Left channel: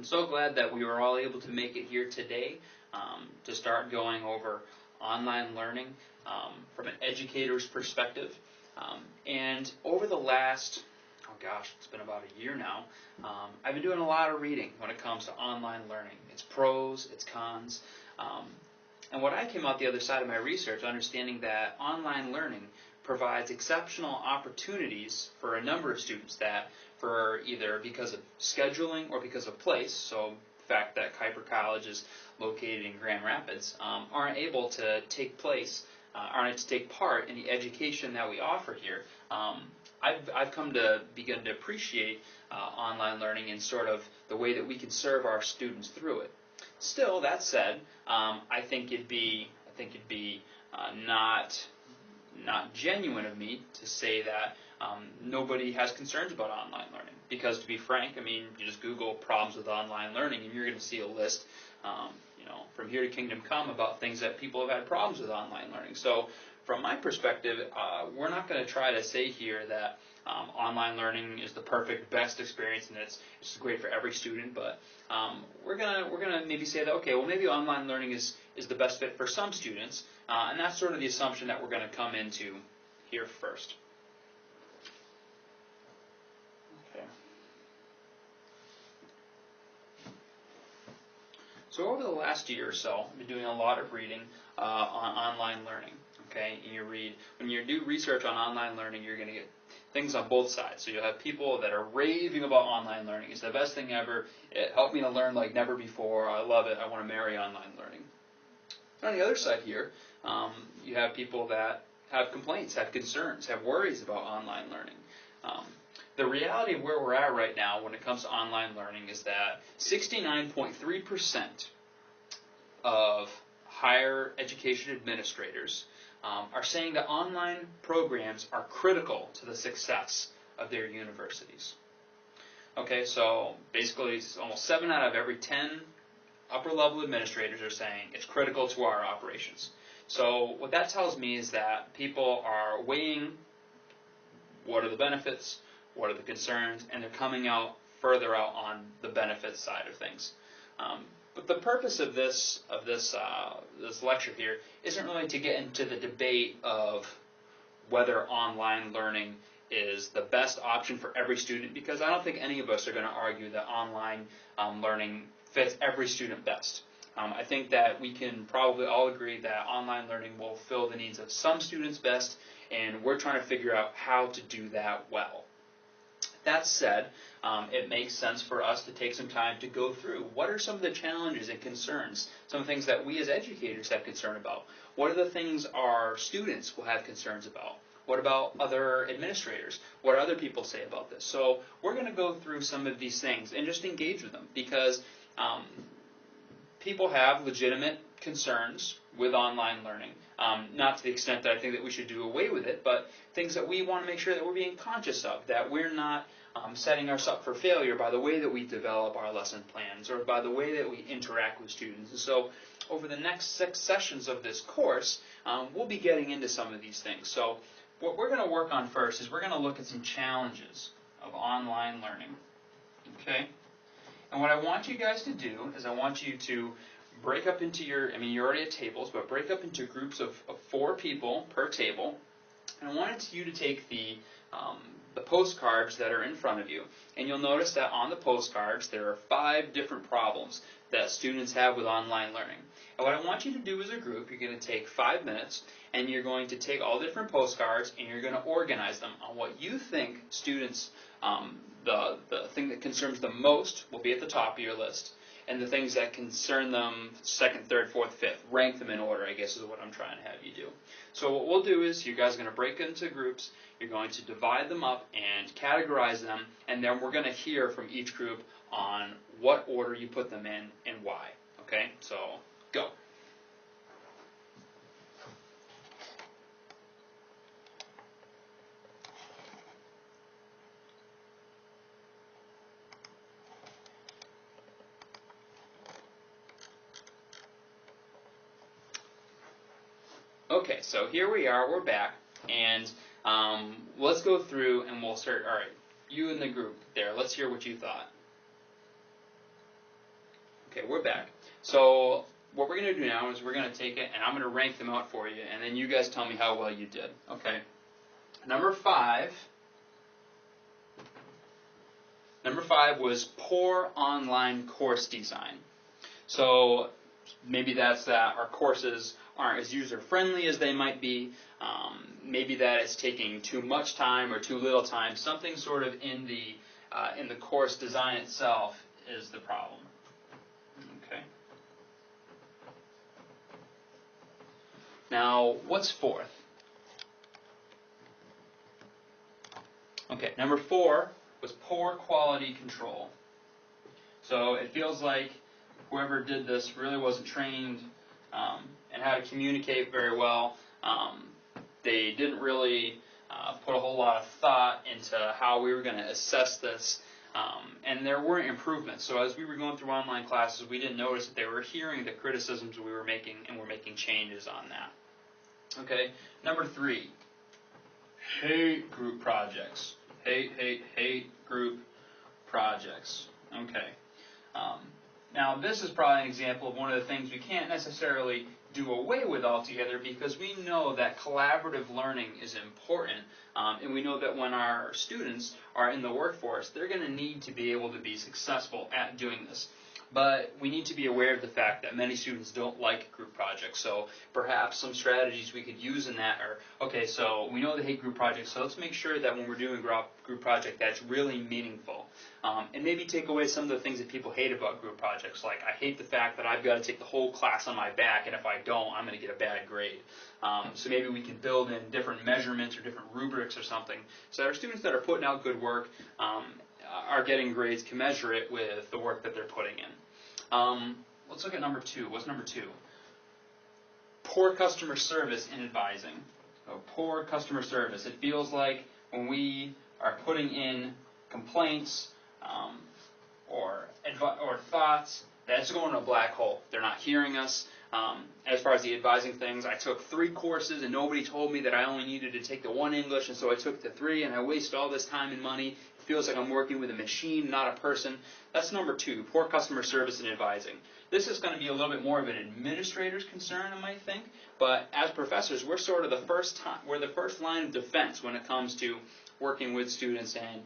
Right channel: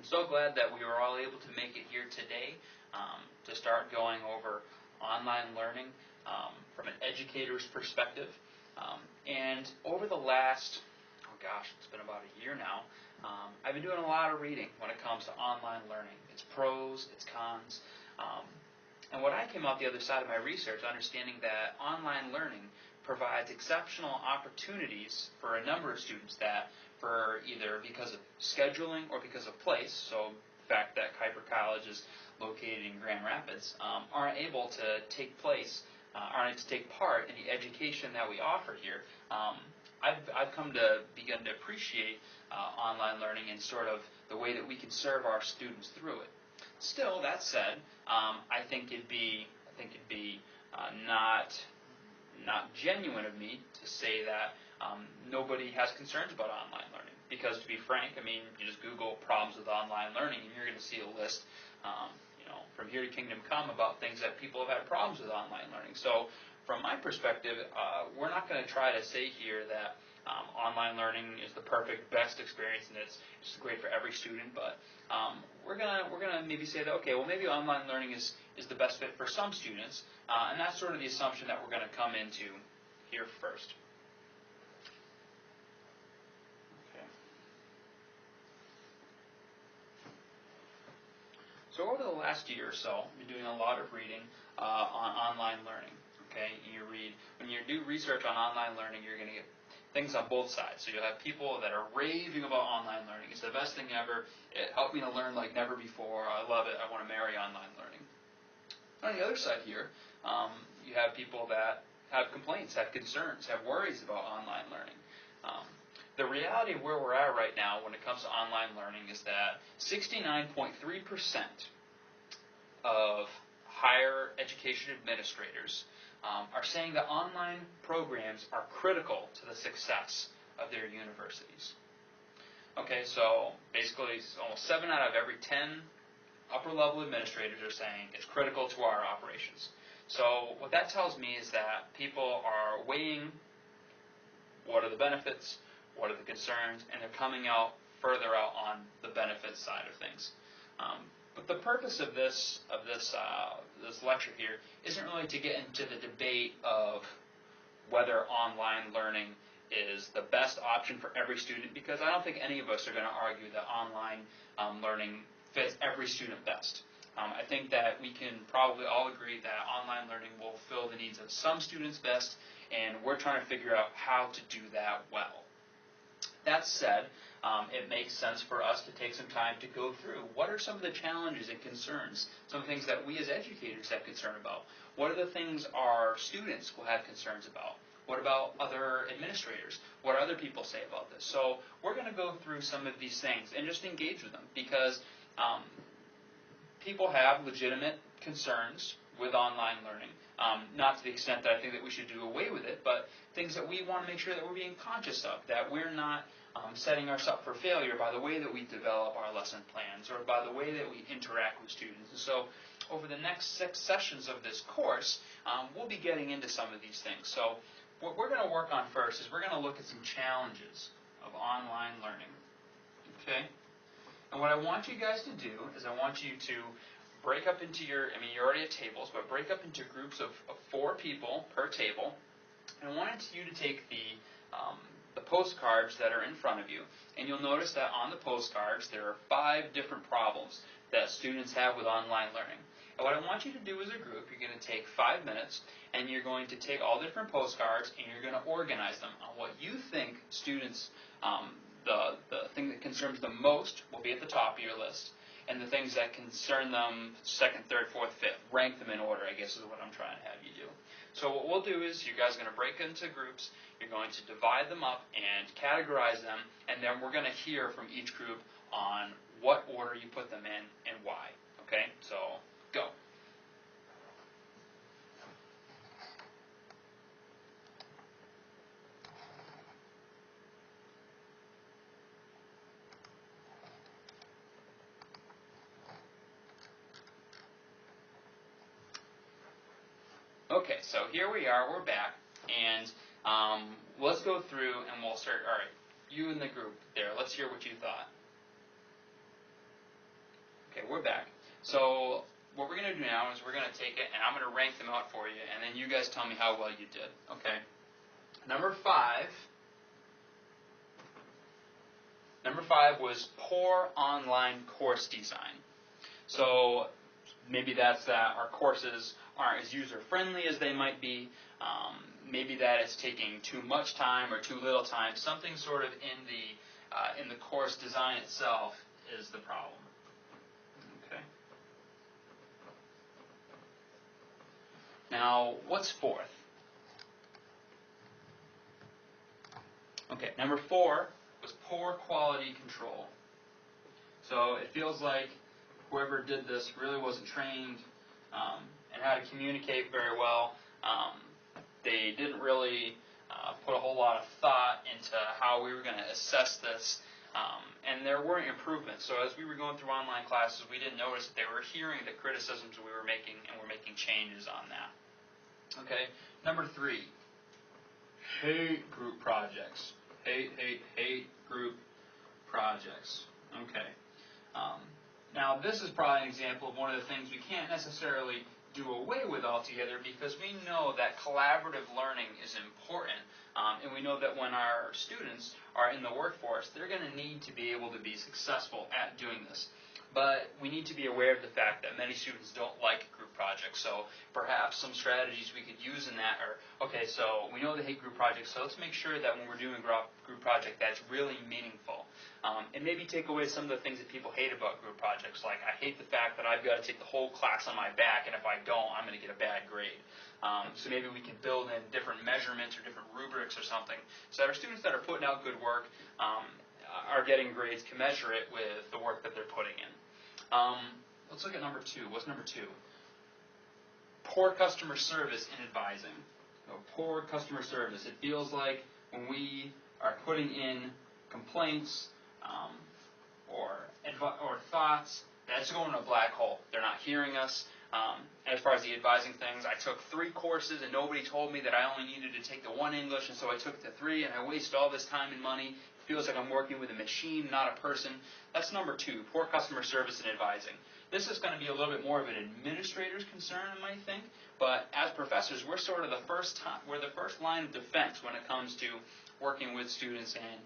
I'm so glad that we were all able to make it here today to start going over online learning from an educator's perspective. And over the last, oh gosh, it's been about a year now, I've been doing a lot of reading when it comes to online learning. Its pros, its cons. And when I came out the other side of my research, understanding that online learning provides exceptional opportunities for a number of students that, for either because of scheduling or because of place, so the fact that Kuiper College is located in Grand Rapids, aren't able to take part in the education that we offer here. I've come to begin to appreciate online learning in sort of the way that we can serve our students through it. Still, that said, I think it'd be not genuine of me to say that nobody has concerns about online learning. Because to be frank, I mean, you just Google problems with online learning, and you're going to see a list, from here to kingdom come about things that people have had problems with online learning. So, from my perspective, we're not going to try to say here that online learning is the perfect, best experience, and it's great for every student. But we're gonna maybe say that, okay, well, maybe online learning is the best fit for some students, and that's sort of the assumption that we're going to come into here first. Okay. So over the last year or so, I've been doing a lot of reading on online learning. Okay, when you do research on online learning, you're going to get things on both sides. So you'll have people that are raving about online learning. It's the best thing ever. It helped me to learn like never before. I love it. I want to marry online learning. On the other side here, you have people that have complaints, have concerns, have worries about online learning. The reality of where we're at right now when it comes to online learning is that 69.3% of higher education administrators are saying that online programs are critical to the success of their universities. Okay, so basically almost 7 out of every 10 upper-level administrators are saying it's critical to our operations. So what that tells me is that people are weighing what are the benefits, what are the concerns, and they're coming out further out on the benefits side of things. But the purpose of this lecture here isn't really to get into the debate of whether online learning is the best option for every student, because I don't think any of us are going to argue that online learning fits every student best. I think that we can probably all agree that online learning will fill the needs of some students best, and we're trying to figure out how to do that well. That said, it makes sense for us to take some time to go through what are some of the challenges and concerns, some things that we as educators have concern about. What are the things our students will have concerns about? What about other administrators? What do other people say about this? So we're going to go through some of these things and just engage with them, because people have legitimate concerns with online learning. Not to the extent that I think that we should do away with it, but things that we want to make sure that we're being conscious of, that we're not setting ourselves up for failure by the way that we develop our lesson plans or by the way that we interact with students. And so over the next 6 sessions of this course, we'll be getting into some of these things. So what we're going to work on first is we're going to look at some challenges of online learning. Okay? And what I want you guys to do is I want you to break up into you're already at tables, but break up into groups of 4 people per table. And I want you to take the postcards that are in front of you. And you'll notice that on the postcards there are 5 different problems that students have with online learning. And what I want you to do as a group, you're going to take 5 minutes, and you're going to take all the different postcards, and you're going to organize them on what you think students, the thing that concerns them most will be at the top of your list. And the things that concern them, 2nd, 3rd, 4th, 5th, rank them in order, I guess is what I'm trying to have you do. So what we'll do is you guys are going to break into groups, you're going to divide them up and categorize them, and then we're going to hear from each group on what order you put them in and why. Okay, so go. Okay, so here we are, we're back, and let's go through and we'll start. All right, you in the group there, let's hear what you thought. So what we're going to do now is we're going to take it and I'm going to rank them out for you, and then you guys tell me how well you did. Okay. Number five was poor online course design. So maybe that's that our courses aren't as user-friendly as they might be. Maybe that it's taking too much time or too little time. Something sort of in the course design itself is the problem. Okay. Now, what's fourth? Okay, number 4 was poor quality control. So it feels like whoever did this really wasn't trained and how to communicate very well. They didn't really put a whole lot of thought into how we were going to assess this, and there weren't improvements. So as we were going through online classes, we didn't notice that they were hearing the criticisms we were making, and were making changes on that. Okay, number 3, hate group projects. Hate group projects. Okay. Now this is probably an example of one of the things we can't necessarily do away with altogether, because we know that collaborative learning is important, and we know that when our students are in the workforce, they're going to need to be able to be successful at doing this. But we need to be aware of the fact that many students don't like group projects, so perhaps some strategies we could use in that are, okay, so we know they hate group projects, so let's make sure that when we're doing a group project that's really meaningful. And maybe take away some of the things that people hate about group projects, like I hate the fact that I've got to take the whole class on my back, and if I don't, I'm going to get a bad grade. So maybe we can build in different measurements or different rubrics or something, so that our students that are putting out good work are getting grades commensurate with the work that they're putting in. Let's look at number 2. What's number 2? Poor customer service in advising. So poor customer service. It feels like when we are putting in complaints or thoughts, that's going to a black hole. They're not hearing us. As far as the advising things, I took 3 courses and nobody told me that I only needed to take the 1 English, and so I took the 3, and I wasted all this time and money. It feels like I'm working with a machine, not a person. That's number 2, poor customer service in advising. This is going to be a little bit more of an administrator's concern, I might think, but as professors, we're sort of the first line of defense when it comes to working with students and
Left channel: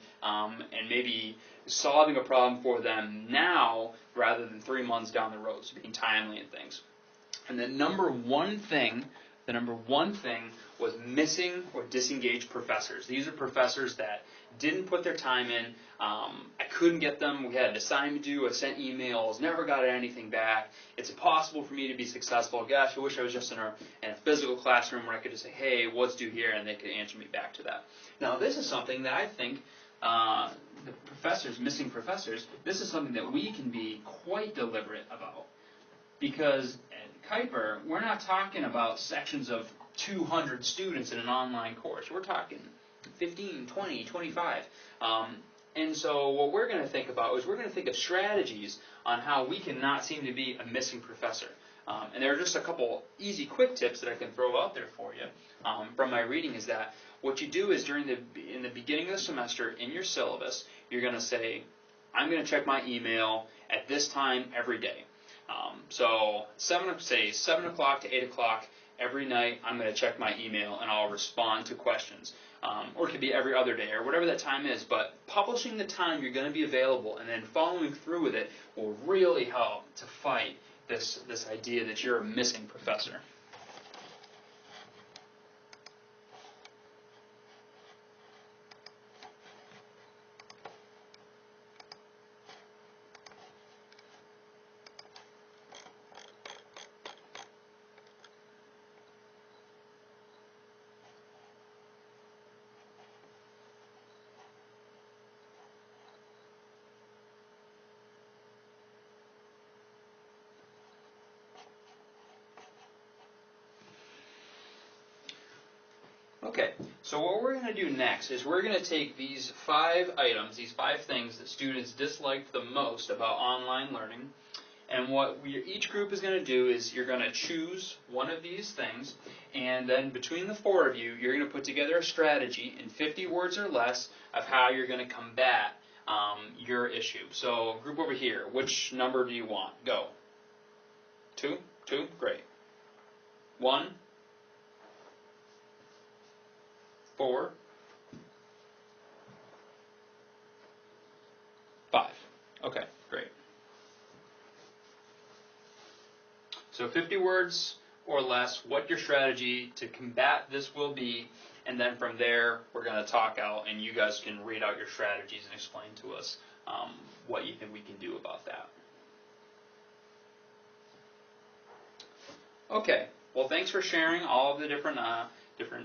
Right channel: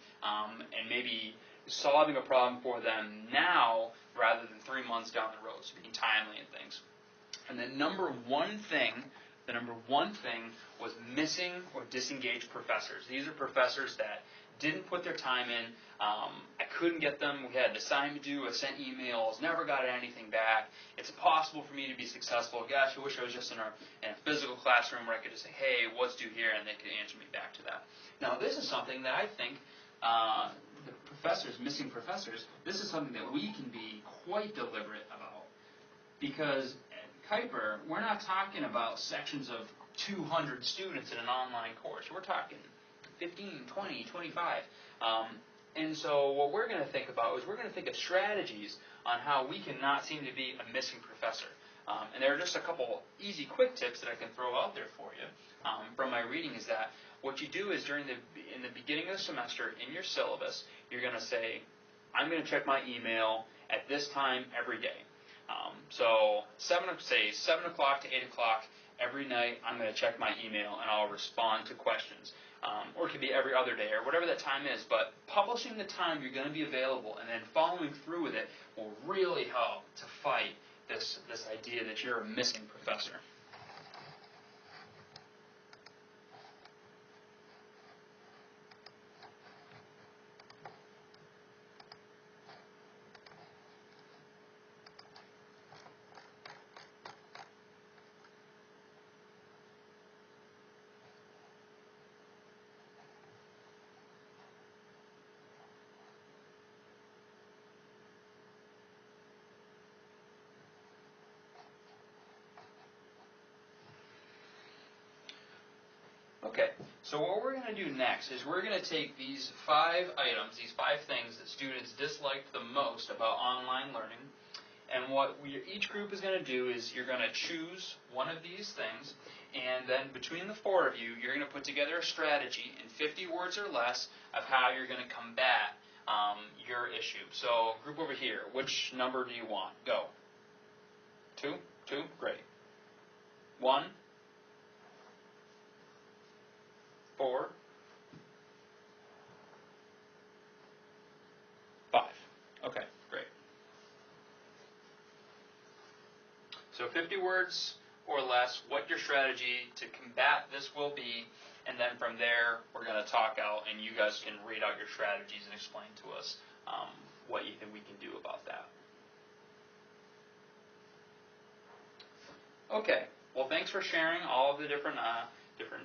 maybe solving a problem for them now rather than 3 months down the road, so being timely and things. And the number one thing was missing or disengaged professors. These are professors that didn't put their time in. I couldn't get them. We had an assignment due. I sent emails, never got anything back. It's impossible for me to be successful. Gosh, I wish I was just in a physical classroom where I could just say, hey, what's due here, and they could answer me back to that. Now, this is something that I think the professors, missing professors, this is something that we can be quite deliberate about. Because at Kuiper, we're not talking about sections of 200 students in an online course. We're talking 15, 20, 25. And so what we're going to think about is we're going to think of strategies on how we can not seem to be a missing professor. And there are just a couple easy, quick tips that I can throw out there for you from my reading is that what you do is in the beginning of the semester in your syllabus, you're going to say, I'm going to check my email at this time every day. So 7 o'clock to 8 o'clock every night, I'm going to check my email and I'll respond to questions. Or it could be every other day or whatever that time is. But publishing the time you're going to be available and then following through with it will really help to fight this idea that you're a missing professor. Okay, so what we're going to do next is we're going to take these 5 items, these 5 things that students disliked the most about online learning, and what each group is going to do is you're going to choose one of these things, and then between the 4 of you, you're going to put together a strategy in 50 words or less of how you're going to combat your issue. So group over here, which number do you want? Go. Two? Two? Great. 1, 4, 5. Okay, great. So 50 words or less, what your strategy to combat this will be, and then from there we're going to talk out and you guys can read out your strategies and explain to us what you think we can do about that. Okay, well thanks for sharing all of the different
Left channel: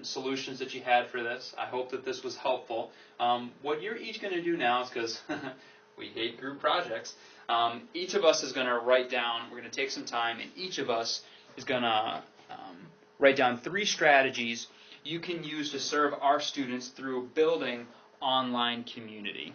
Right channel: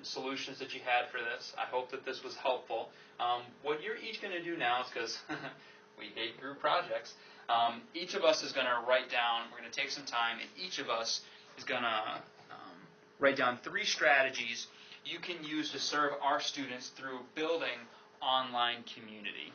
solutions that you had for this. I hope that this was helpful. What you're each going to do now is, because we hate group projects, each of us is going to write down, we're going to take some time, and each of us is going to write down 3 strategies you can use to serve our students through building online community.